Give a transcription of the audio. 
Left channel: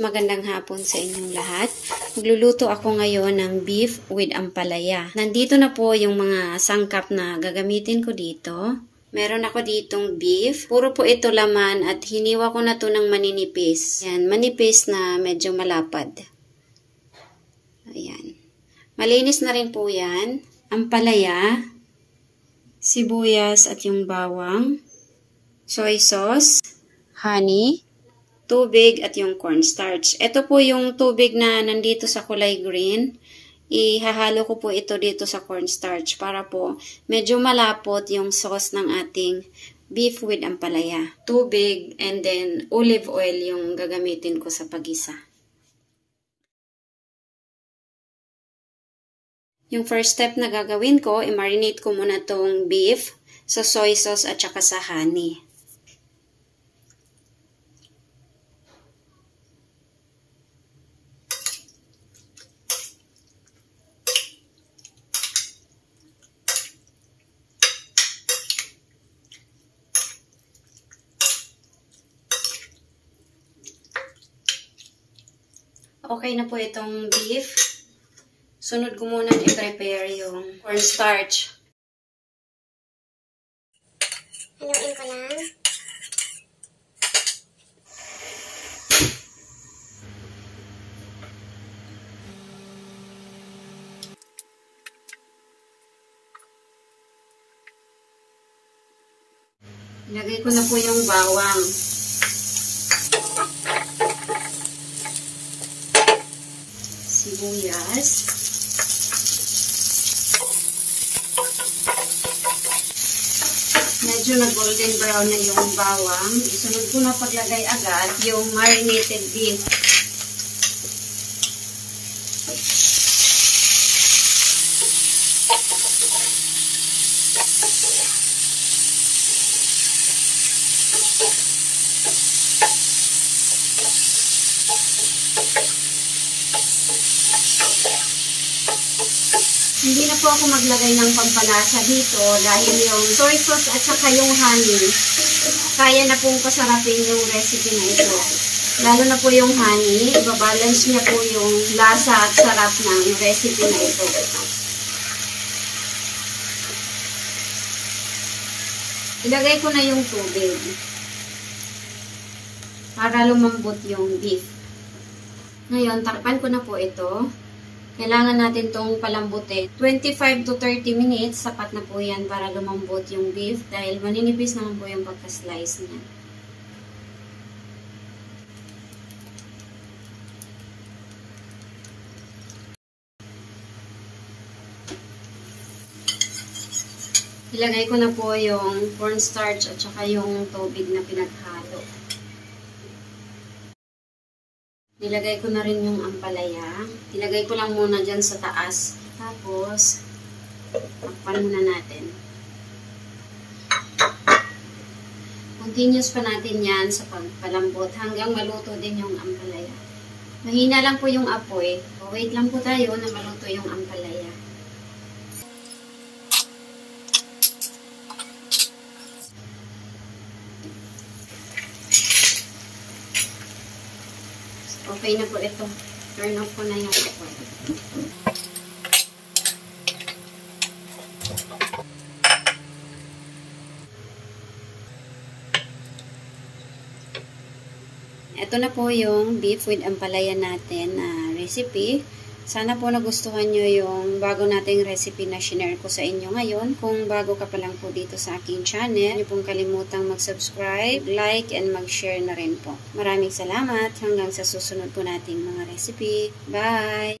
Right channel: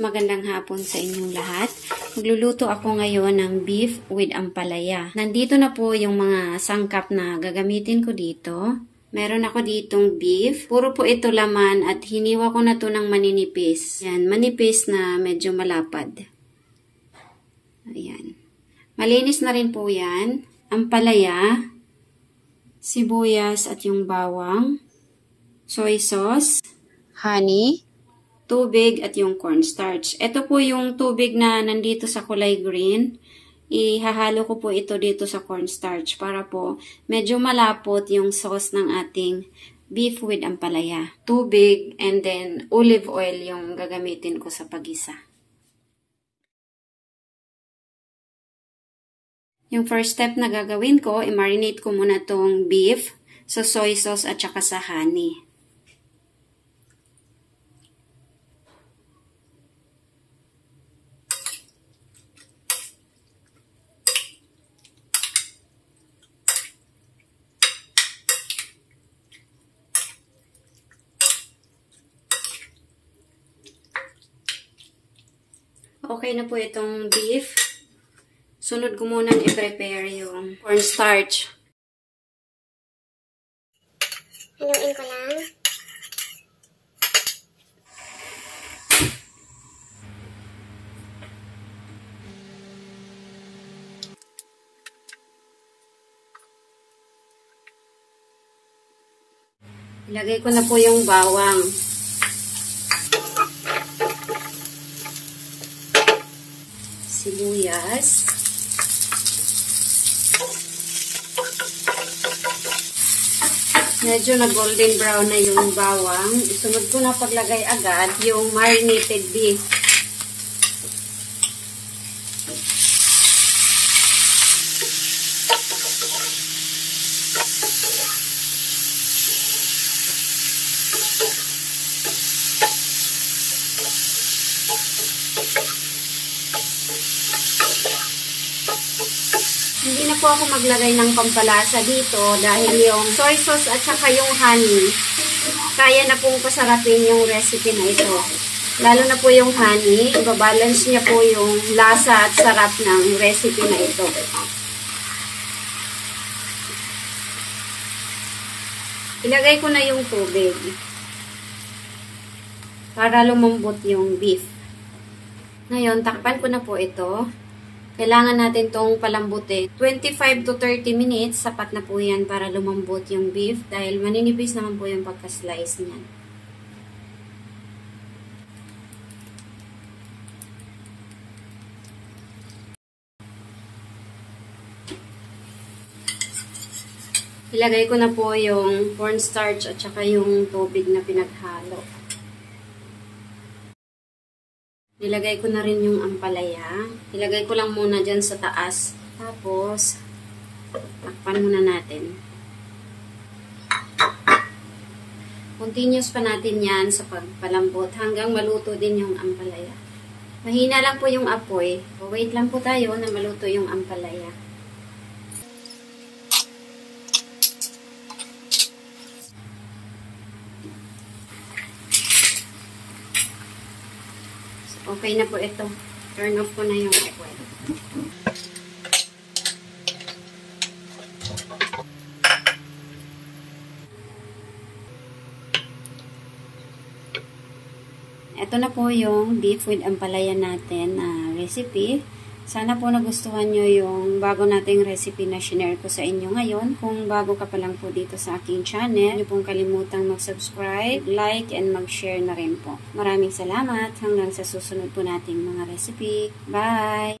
Magandang hapon sa inyong lahat. Magluluto ako ngayon ng beef with ampalaya. Nandito na po yung mga sangkap na gagamitin ko dito. Meron ako ditong beef. Puro po ito laman at hiniwa ko na to ng maninipis. Yan, manipis na medyo malapad. Ayan. Malinis na rin po yan. Ampalaya, sibuyas at yung bawang, soy sauce, honey, tubig at yung cornstarch. Ito po yung tubig na nandito sa kulay green. Ihahalo ko po ito dito sa cornstarch para po medyo malapot yung sauce ng ating beef with ampalaya. Tubig and then olive oil yung gagamitin ko sa pagisa. Yung first step na gagawin ko, i-marinate ko muna tong beef sa soy sauce at saka sa honey. Okay na po itong beef. Sunod ko muna i-prepare yung cornstarch. Haluin ko lang. Ilagay ko na po yung bawang. Sibuyas. Medyo na-golden brown na yung bawang. Isunod ko na paglagay agad yung marinated beef. Hindi na po ako maglagay ng pampalasa dito dahil yung soy sauce at saka yung honey, kaya na pong pasarapin yung recipe na ito. Lalo na po yung honey, ibabalance niya po yung lasa at sarap ng recipe na ito. Ilagay ko na yung tubig para lumambot yung beef. Ngayon, takpan ko na po ito. Kailangan natin tong palambutin. 25 to 30 minutes, sapat na po yan para lumambot yung beef dahil maninipis naman po yung pagka-slice niya. Ilagay ko na po yung cornstarch at saka yung tubig na pinaghalo. Nilagay ko na rin yung ampalaya. Ilagay ko lang muna dyan sa taas. Tapos, takpan muna natin. Continuous pa natin yan sa pagpalambot hanggang maluto din yung ampalaya. Mahina lang po yung apoy. Wait lang po tayo na maluto yung ampalaya. Okay na po ito. Turn off ko na yung apoy. Ito na po yung beef with ampalaya natin na recipe. Sana po nagustuhan nyo yung bago nating recipe na share ko sa inyo ngayon. Kung bago ka pa lang po dito sa aking channel, huwag pong kalimutang mag-subscribe, like, and mag-share na rin po. Maraming salamat hanggang sa susunod po nating mga recipe. Bye!